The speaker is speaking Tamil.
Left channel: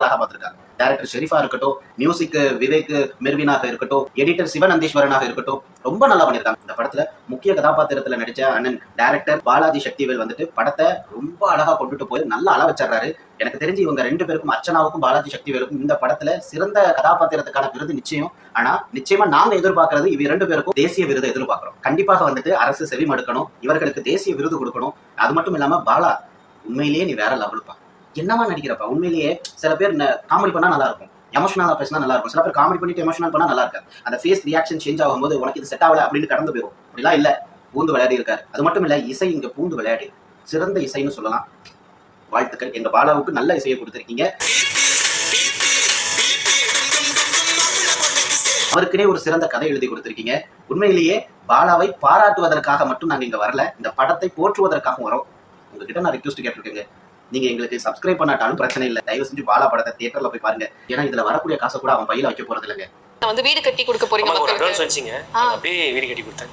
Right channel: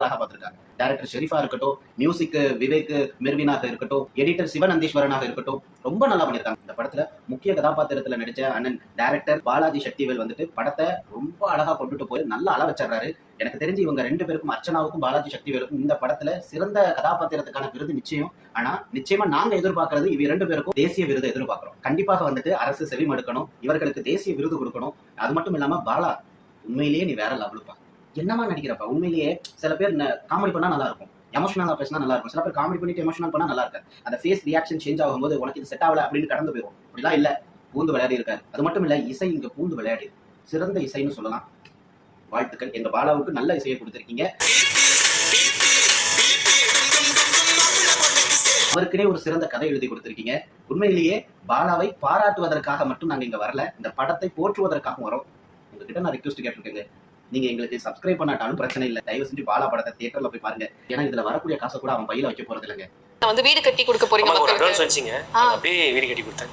அழகா பார்த்திருக்காங்க. டேரக்டர் ஷெரீஃபா இருக்கட்டும் மியூசிக் விவேக் மெர்வினாக இருக்கட்டும் எடிட்டர் சிவநந்தீஸ்வரனாக இருக்கட்டும் ரொம்ப நல்லா பண்ணியிருக்காங்க. இந்த படத்துல முக்கிய கதாபாத்திரத்துல நடிச்ச அண்ணன் டேரக்டர் பாலாஜி சக்திவேல் வந்துட்டு படத்தை ரொம்ப அழகா கொண்டுட்டு போய் நல்லா அள வச்சிடுறாரு. எனக்கு தெரிஞ்சு இவங்க ரெண்டு பேருக்கும் அர்ச்சனாவுக்கும் பாலாஜி சக்திவேலுக்கும் இந்த படத்துல சிறந்த கதாபாத்திரத்துக்கான விருது நிச்சயம். ஆனா நிச்சயமா நாங்க எதிர்பார்க்கறது இவ ரெண்டு பேருக்கும் தேசிய விருது எதிர்பார்க்கிறோம். கண்டிப்பாக வந்துட்டு அரசு செவிமடுக்கணும் இவர்களுக்கு தேசிய விருது கொடுக்கணும். அது மட்டும் இல்லாம பாலா உண்மையிலேயே நீ வேற லெவலுப்பா என்னவா நடிக்கிறப்பா? உண்மையிலேயே சில பேர் காமெடி பண்ணா நல்லா இருக்கும் எமோஷனலாக பேசினா நல்லா இருக்கும் சில பேர் காமெடி பண்ணிட்டு எமோஷனல் பண்ணா நல்லா இருக்காது அந்த ஃபேஸ் ரியாக்ஷன் சேஞ்ச் ஆகும்போது உனக்கு இது செட் ஆகல அப்படின்னு கடந்து போயிடும் அப்படிலாம் இல்ல. பூந்து விளையாடி இருக்காரு. அது மட்டும் இல்ல இசை இங்க பூந்து விளையாடி. சிறந்த இசைன்னு சொல்லலாம். வாழ்த்துக்கள். எங்க பாலாவுக்கு நல்ல இசையை கொடுத்துருக்கீங்க. அவருக்குனே ஒரு சிறந்த கதை எழுதி கொடுத்துருக்கீங்க. உண்மையிலேயே பாலாவை பாராட்டுவதற்காக மட்டும் நாங்கள் இங்கே வரல. இந்த படத்தை போற்றுவதற்காக வரோம். உங்ககிட்ட நான் ரிக்வஸ்ட் கேட்டிருக்கேங்க. நீங்க எங்களுக்கு சப்ஸ்கிரைப் பண்ணாட்டாலும் பிரச்சனை இல்லை. தயவு செஞ்சு பாலா படத்தை தியேட்டர்ல போய் பாருங்க. ஏன்னா இதுல வரக்கூடிய காசை கூட அவன் பையில வைக்க போறது இல்லைங்க வந்து வீடு கட்டி கொடுக்க போறீங்க அட்வான்ஸ் வச்சிங்க. அப்படியே வீடு கட்டி கொடுத்தேன்.